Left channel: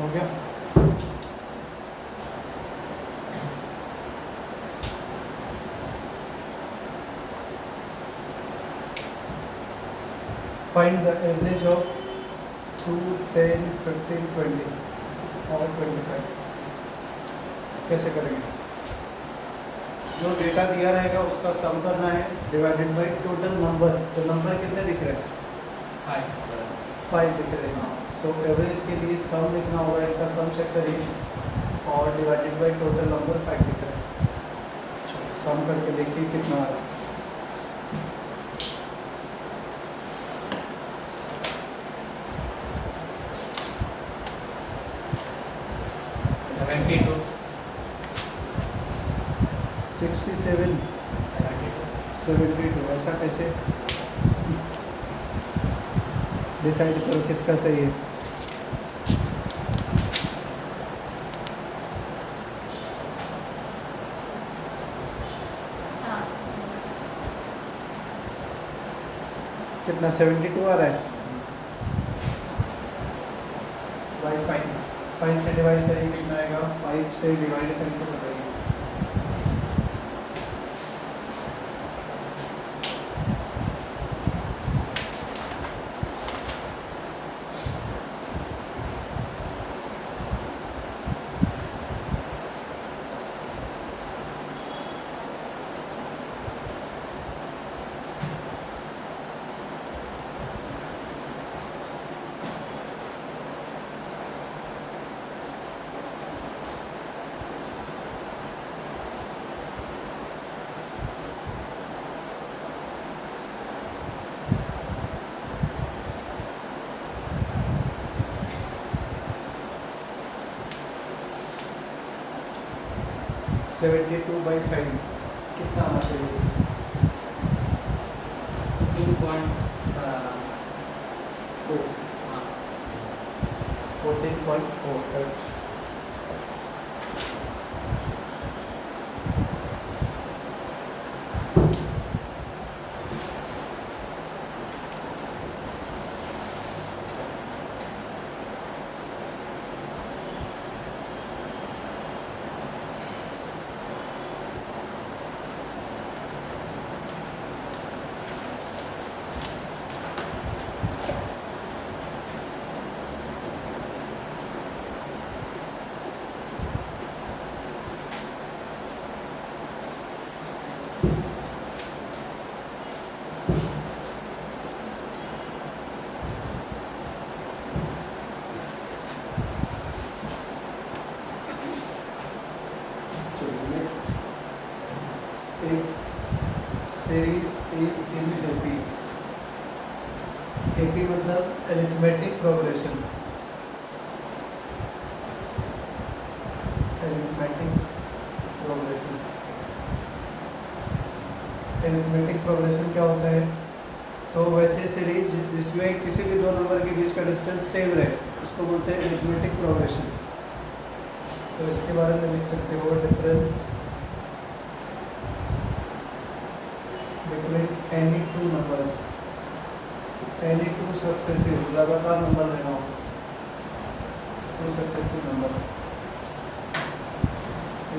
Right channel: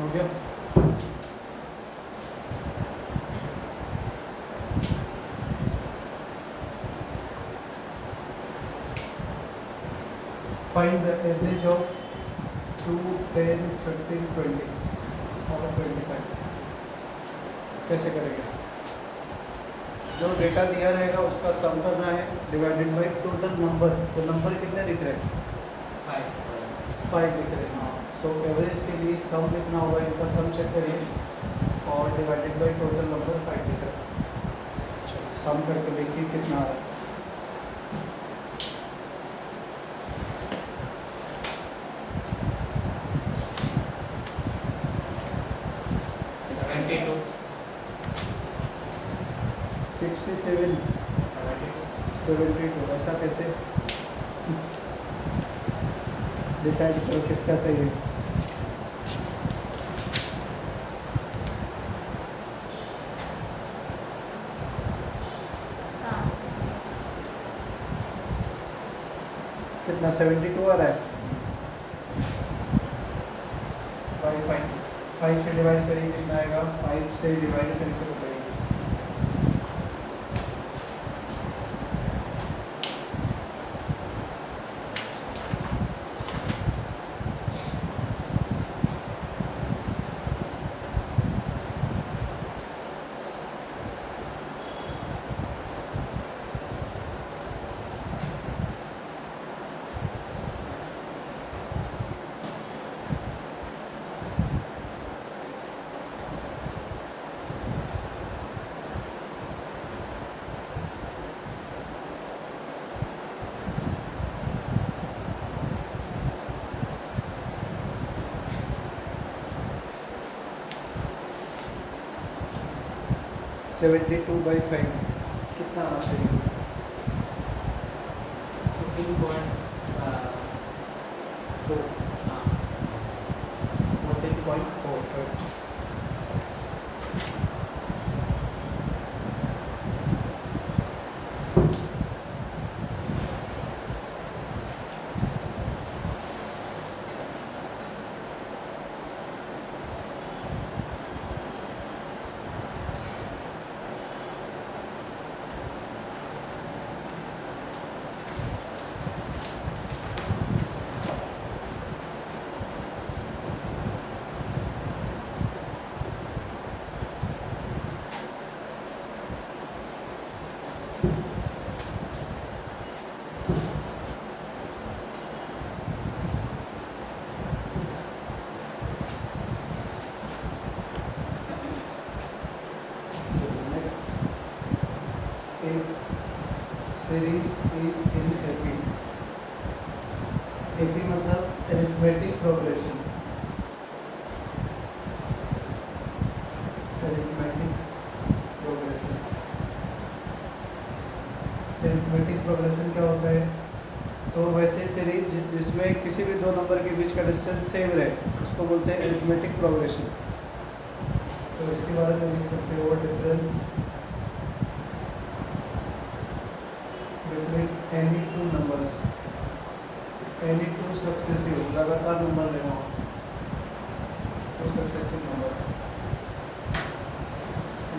हो गया। Find the average of 2, 10, 15, 20 और 25। कैसे करेंगे? जो डेटा दिया रहेगा उसका सम करना है डिवाइडेड बाई टोटल नंबर। तो नंबर कितने दिख रहे हैं? 5 दिख रहे हैं। सो एवरेज के लिए सम कितना होगा, इनका सम चेक करिए और डिवाइडेड बाई टोटल नंबर 5 दिख रहा है। चलो सम करके देखिए कितना आ रहा है। $72 67 72। ऐसा कैसे डिसाइड करो किसका सही है? कितना 72 आ रहा है? बाई 5 से डिवाइड करिए कितना आएगा? 5 से डिवाइड करके बताइए। सेवेंटी टू बाई 5 कितना आना चाहिए? 14.4। series is in AP. AP मतलब arithmetic progression. arithmetic progression. arithmetic progression क्या होता है? तो वैसे सीरीज जिसमें किसी भी दो नंबर के बीच का डिस्टेंस सेम रहे उसको बोलते हैं arithmetic progression. तो इसके बारे में लिख सकते हो difference between any two numbers, any two successive लगातार नंबर लेना हो, two successive number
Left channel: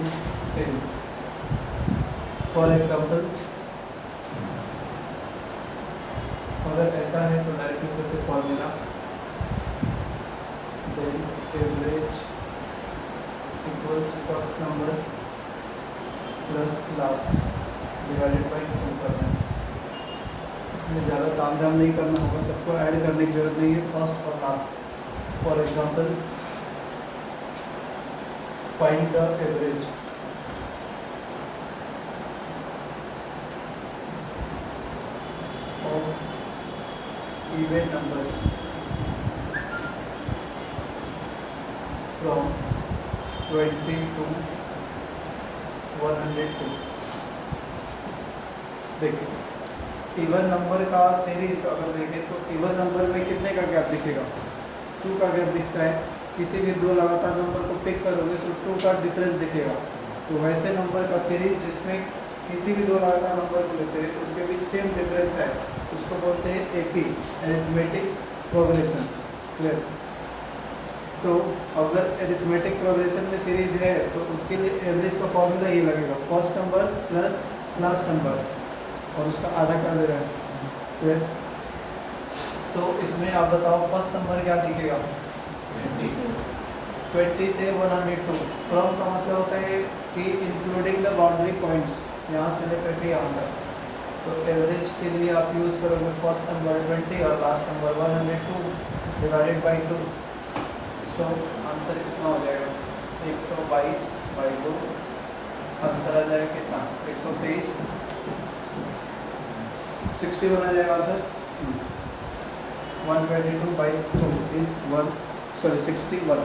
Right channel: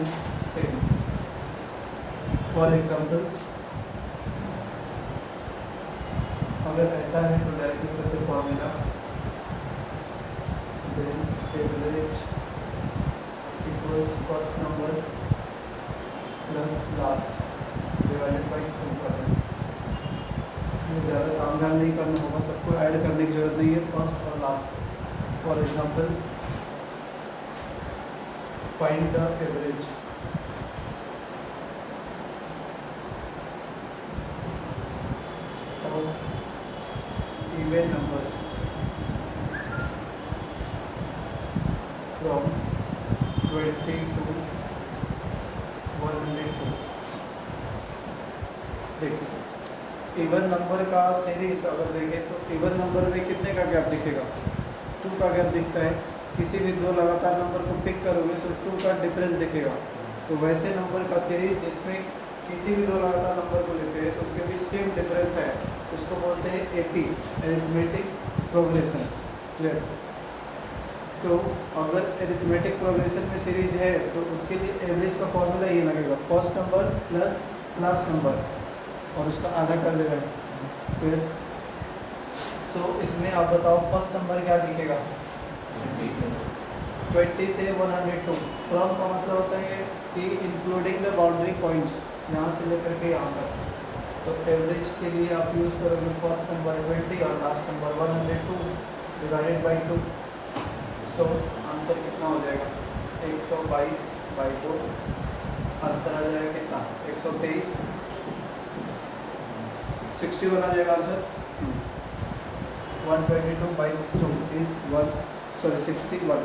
is same. For example, अगर ऐसा है तो डायरेक्टली करते formula then average equals first number plus last divided by कम करना। इसमें ज़्यादा ताम झाम नहीं करना होगा, सबको ऐड करने की जरूरत नहीं है फर्स्ट और last. For example find the average of even numbers from 20 to 102। देखिए इवन नंबर का सीरीज अगर देखें तो इवन नंबर में कितने का गैप दिखेगा? 2 का गैप दिखता है। किसी भी दो लगातार नंबर को पिक करोगे तो 2 का डिफरेंस दिखेगा। तो वैसे नंबर का सीरीज जिसमें किसी भी दो लगातार नंबर को लेते हैं उनके बीच सेम डिफरेंस है उसको बोलते हैं एपी, अरिथमेटिक प्रोग्रेशन। क्लियर? तो अगर एरिथमेटिक प्रोग्रेशन में सीरीज है तो उसके लिए एवरेज का फॉर्मूला ये लगेगा, first number plus last number और उसका आधा कर दे रहा है फिर। सो इसमें आप बताओ फर्स्ट नंबर क्या दिखेगा, 20 से 102। फ्रॉम का मतलब होता है कि इंक्लूडिंग द बाउंड्री पॉइंट्स, यहाँ से लेकर के यहाँ तक। तो एवरेज के लिए आप यूज़ करोगे फर्स्ट नंबर 20 और last number 102 divided by 2। So answer कितना हो जाएगा, 122/2। आंसर आ जाएगा कितना, 123, 61 आ जाएगा answer. 122/2 is 61।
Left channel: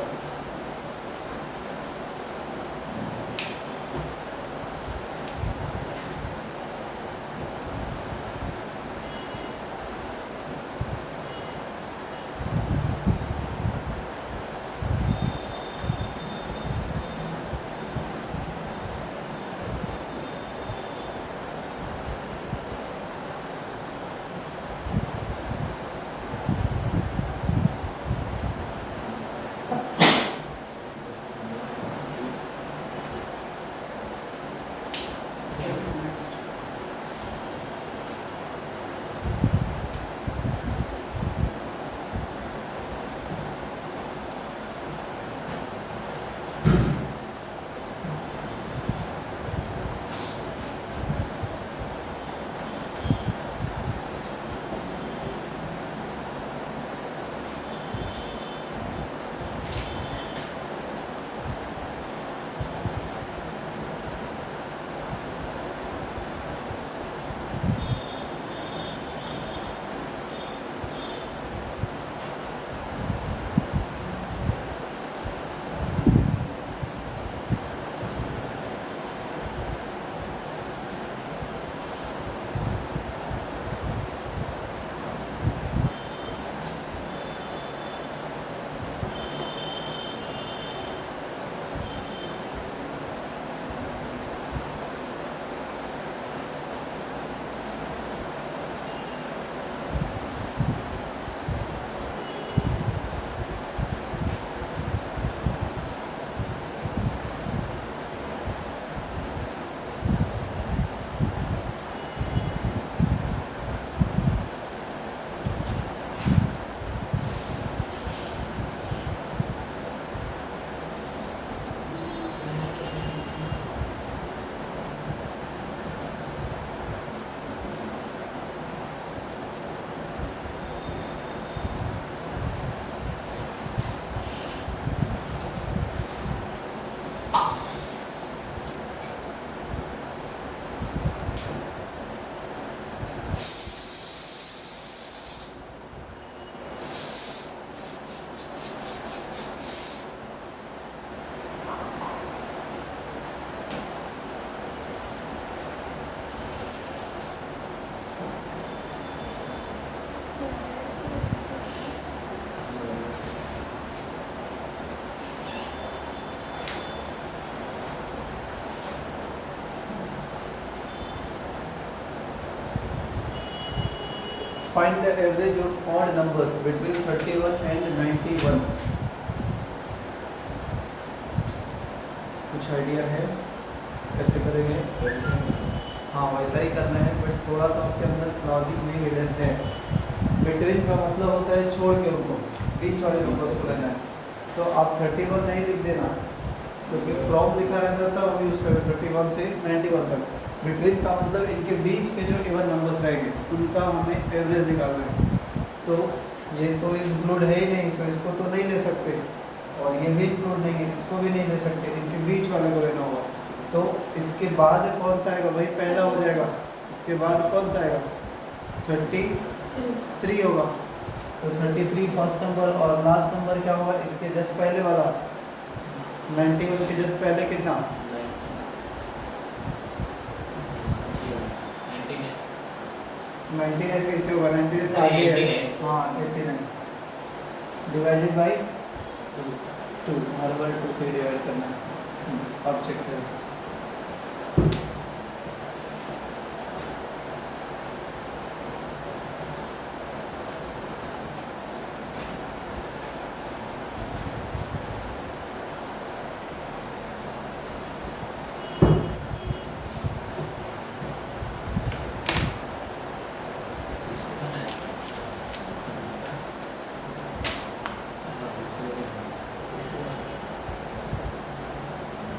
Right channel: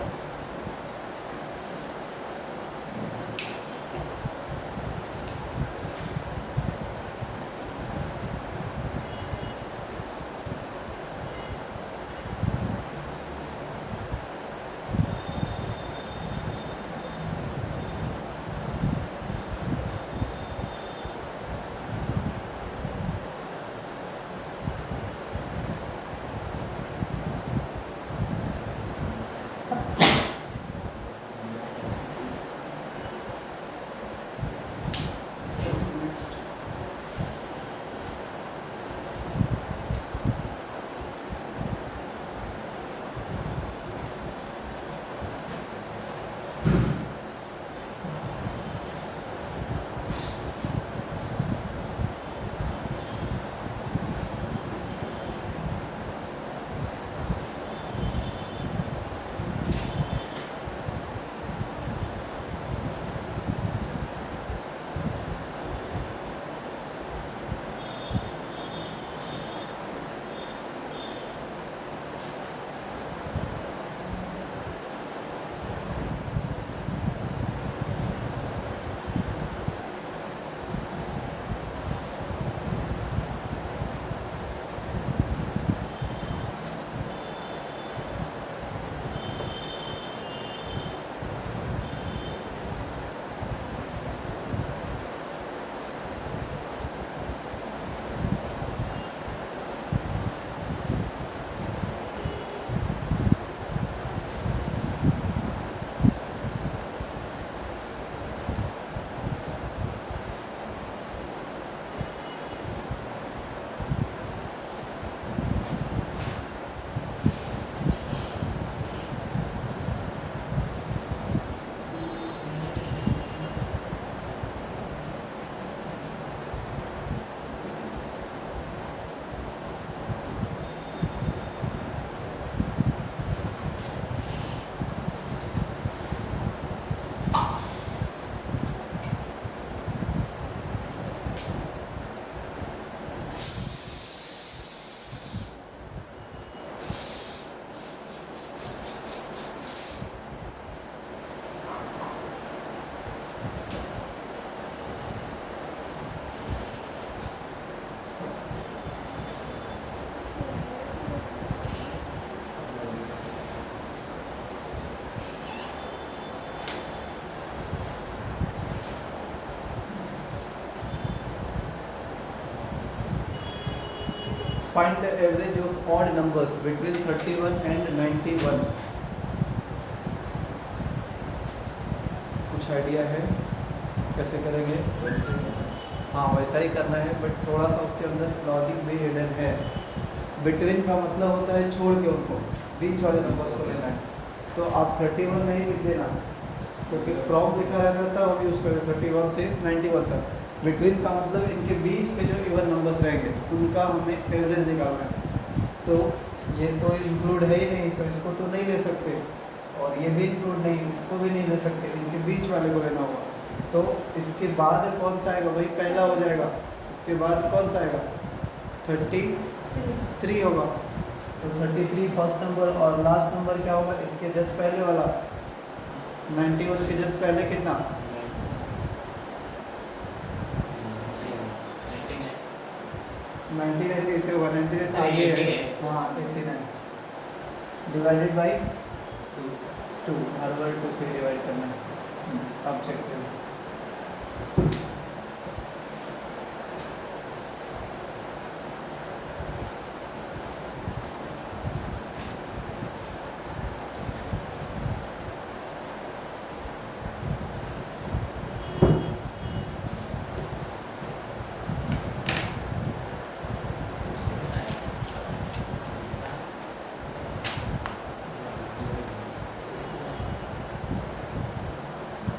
Find the average of odd numbers between 31 and 91. कुछ आइडिया है कैसे करेंगे? हाँ वैसा ही करना है, बट थोड़ा सा उसके अंदर लॉजिक भी हिडन है। बिटवीन का मतलब होता है छोड़ के उनको बीच वाले नंबर्स को लेना है। तो आप 31 नहीं लिख देना, क्योंकि फ्रॉम लिखा रहता था हम यूज़ करते 31 से 91 तक। बिटवीन का मतलब इनके बीच के जो इवन नंबर्स रहेंगे उनका हमें एवरेज निकालना है। तो ये तो इंक्लूड है ही नहीं, तो इसको तो नहीं ले सकते, और ये भी इंक्लूड नहीं है, इसको भी नहीं ले सकते, इनके बीच वाले को लेना होगा। तो इसके बाद कौन सा आएगा, वही पहला हो जाएगा। इसके बाद कौन सा आएगा, 33 होगा। तो 33 फर्स्ट नंबर, और लास्ट नंबर क्या होगा इसके जस्ट पहले वाला 91 के जस्ट पहले कितना, 99 कैसे होगा, 99 आगे है, हाँ 89 डिवाइडेड बाई 2, हर बार 2 से डिवाइड करना है। अब चेक करें,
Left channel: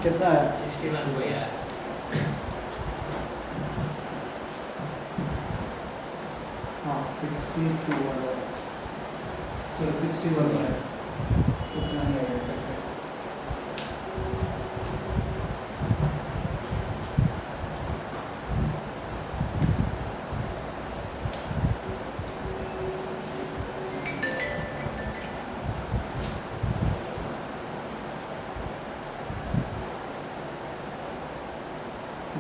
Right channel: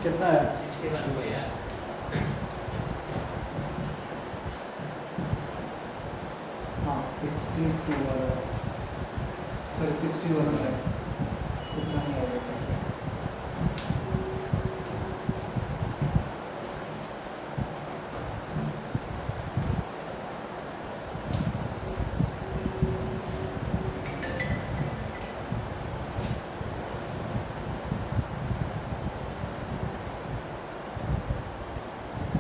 कितना है? 61 को यार हाँ 62 वाला, सॉरी 61 वाला है, उतना ही आएगा कैसे?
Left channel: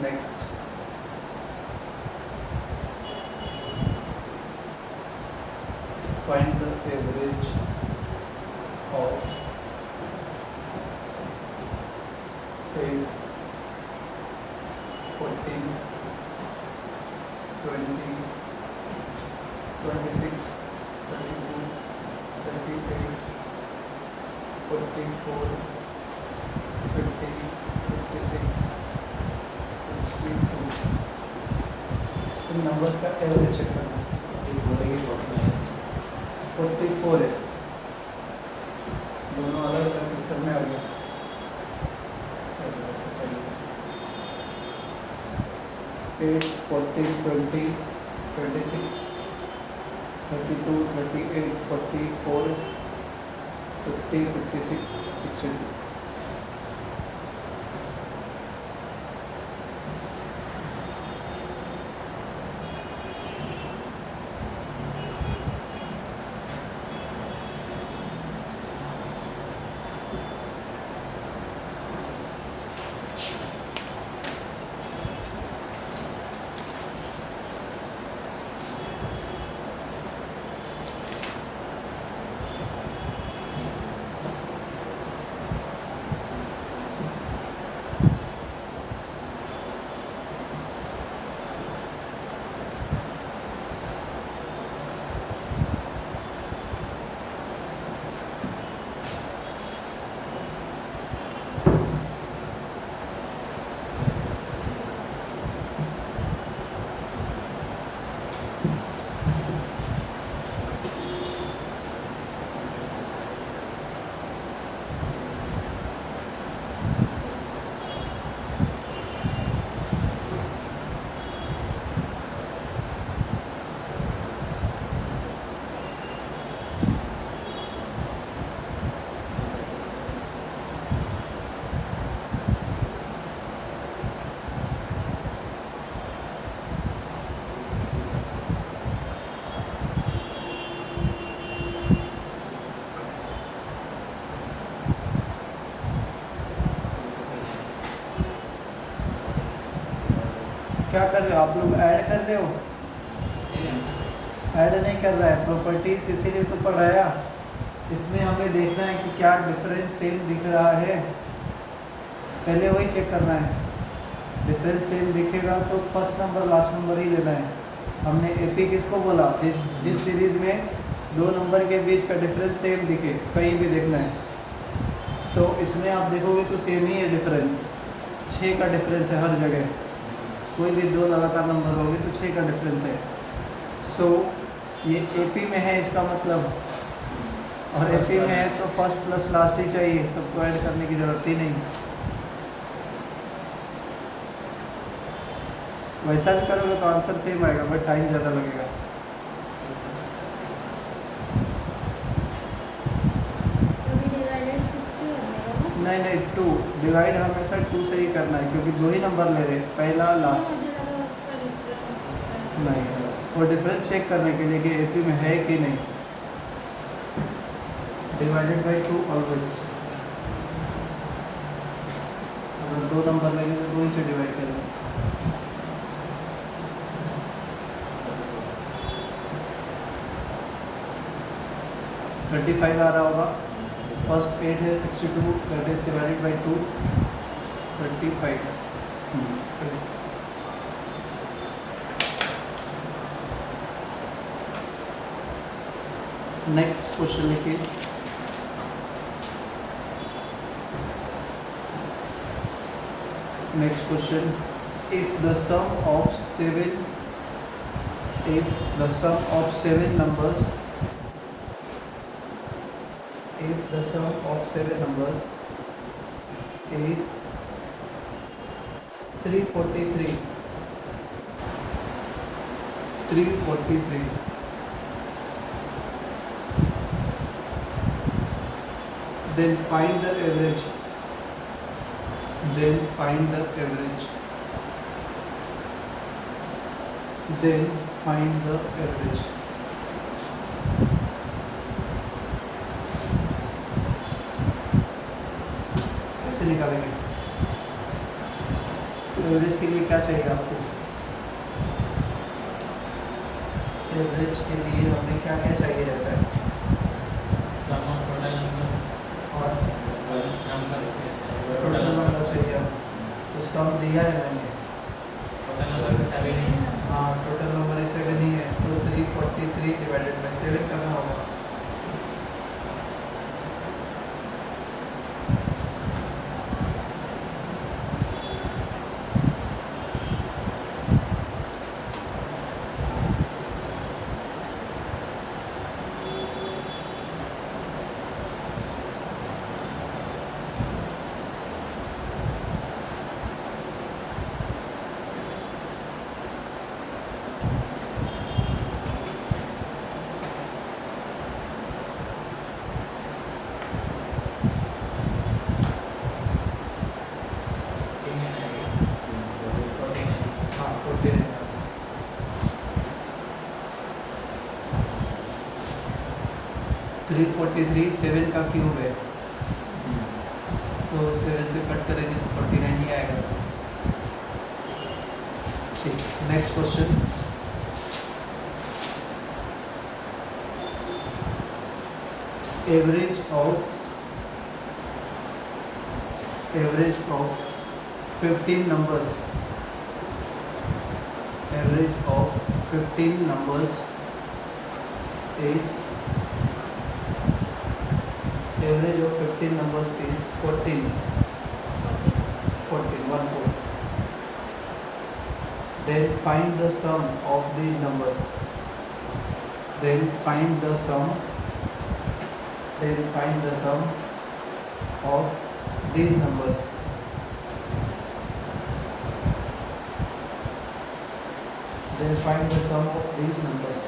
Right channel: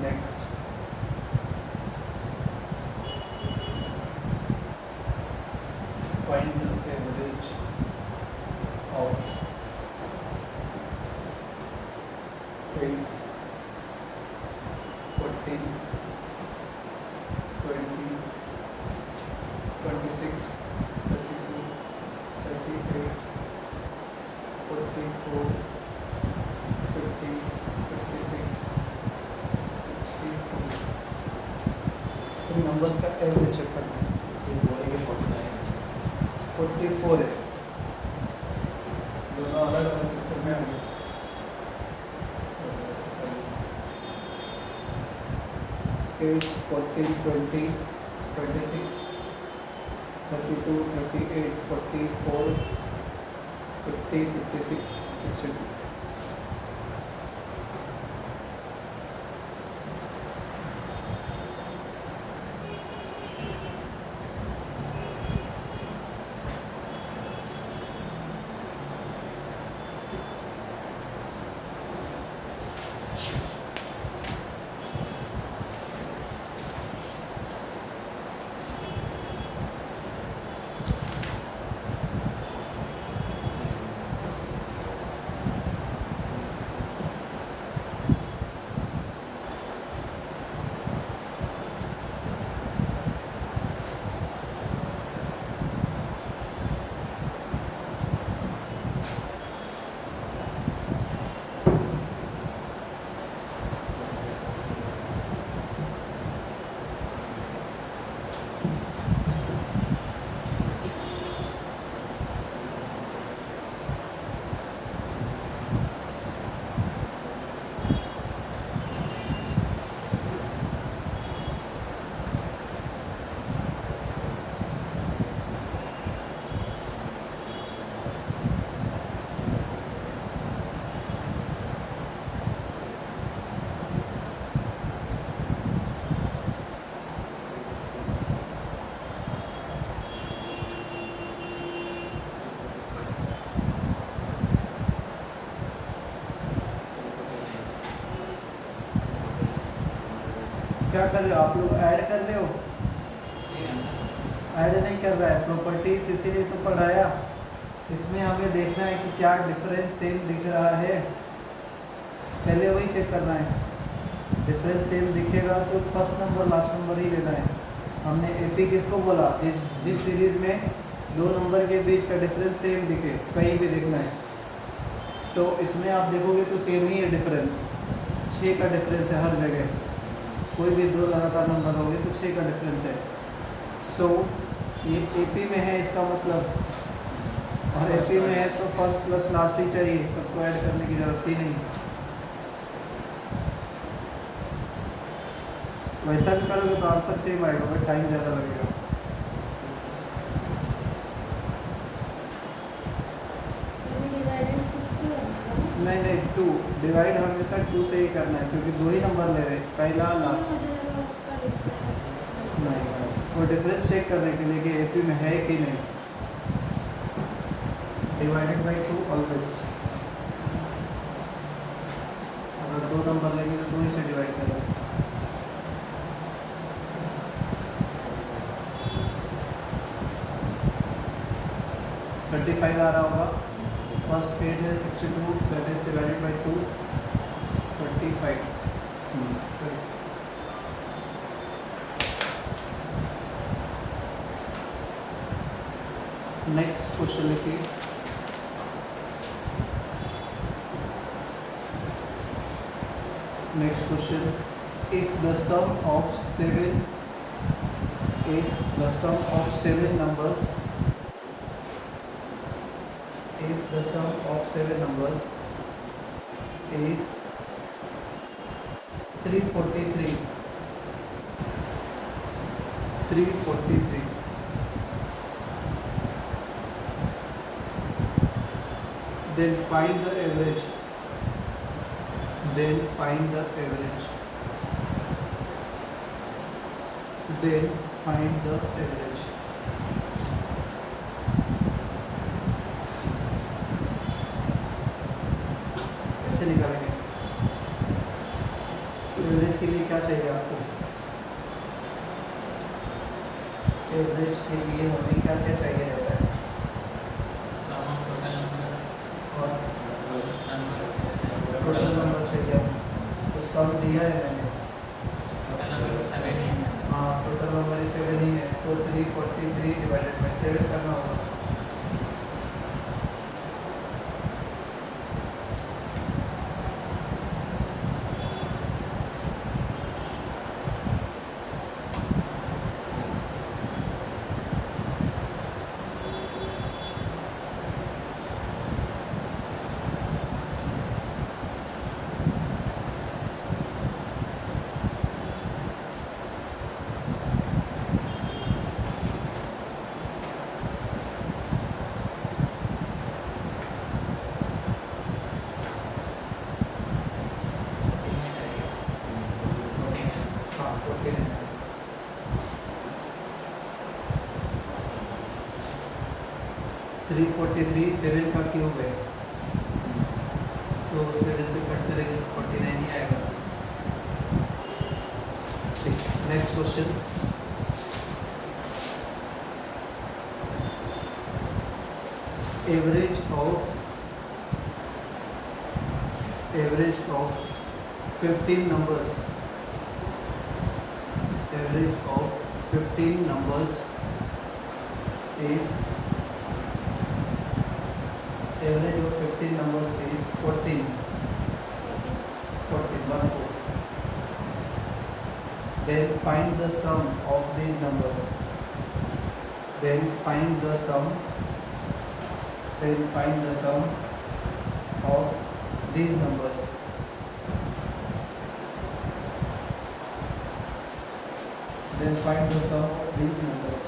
Next find the average of 8, 14, 20, 26, 32, 38, 44, 50, 56, 62। In numbers का एवरेज चेक करना है। 44 है, दोनों अलग अलग सिस्टम में आ गए। चलो ऐसे कर लो, 8, 14, 20, 26, 32, 38, 44, 50, 56, 62। क्या कर रहे हो आप लोग? ऐड कर रहे हो? ऐड नहीं कर रहा है, प्रॉपर्टीज इसीलिए तो पढ़ाया। इसमें हमें देखना है कि क्या डिफरेंस सेम दिख रहा है, पहले वही चेक करना है। डिफरेंस सेम दिखेगा तो फर्स्ट नंबर लास्ट नंबर ही लेना है। हमने एपी किसको बोला? जिस सीरीज में दो नंबर के बीच का डिफरेंस सेम दिखे, कहीं भी देखना है। तो इसमें आप देखोगे तो सेम ही है डिफरेंस, 6 का डिफरेंस है हर जगह। कोई भी दो लगातार नंबर होंगे तो 6 का डिफरेंस है। सो ये एपी में है इसका मतलब, और एपी में है तो फर्स्ट प्लस लास्ट ही चाहिए, सबको ऐड करने की ज़रूरत ही नहीं। वैसा भी करोगे तो आंसर सेम आएगा, बट टाइम ज़्यादा लगेगा। नहीं नहीं, 2 डिवाइड हमेशा 2 से ही करना है, क्योंकि 2 ही नंबर ले रहे हैं, पहला और लास्ट। नहीं, वो डिफरेंस चेक करने के लिए कि एपी में है कि नहीं। Divided by 2 always. अगर 2 नंबर लेंगे तो 2 ही से डिवाइड करेंगे। $35 आ रहा होगा। फर्स्ट 8 है 62, that is divided by 2, 35। Next question लिखिए। Next question, if the sum of 7 numbers, if the sum of 7 numbers is 343. 343. Then find the average. Then find the average. Then find the average. कैसे निकालेंगे? Average के लिए क्या चाहिए आपको? Average के लिए हमें क्या क्या चाहिए रहता है? सम ऑफ टोटल नंबर और नंबर टोटल नंबर चाहिए हमें। तो सम दिया है मैंने। टोटल नंबर का सभी नहीं है। हाँ, टोटल नंबर 7 ही है, तो 343 डिवाइडेड बाई 7 करना होगा। हाँ, 14 है। 343 7 का क्यूब है, तो 7 से कट करेंगे तो 49 ही आएगा। ठीक, next question. Average of 15 numbers. Average of 15 numbers is 14. 1 4. Then find the sum of these numbers. Then find the sum of these numbers. Then find the sum of these numbers.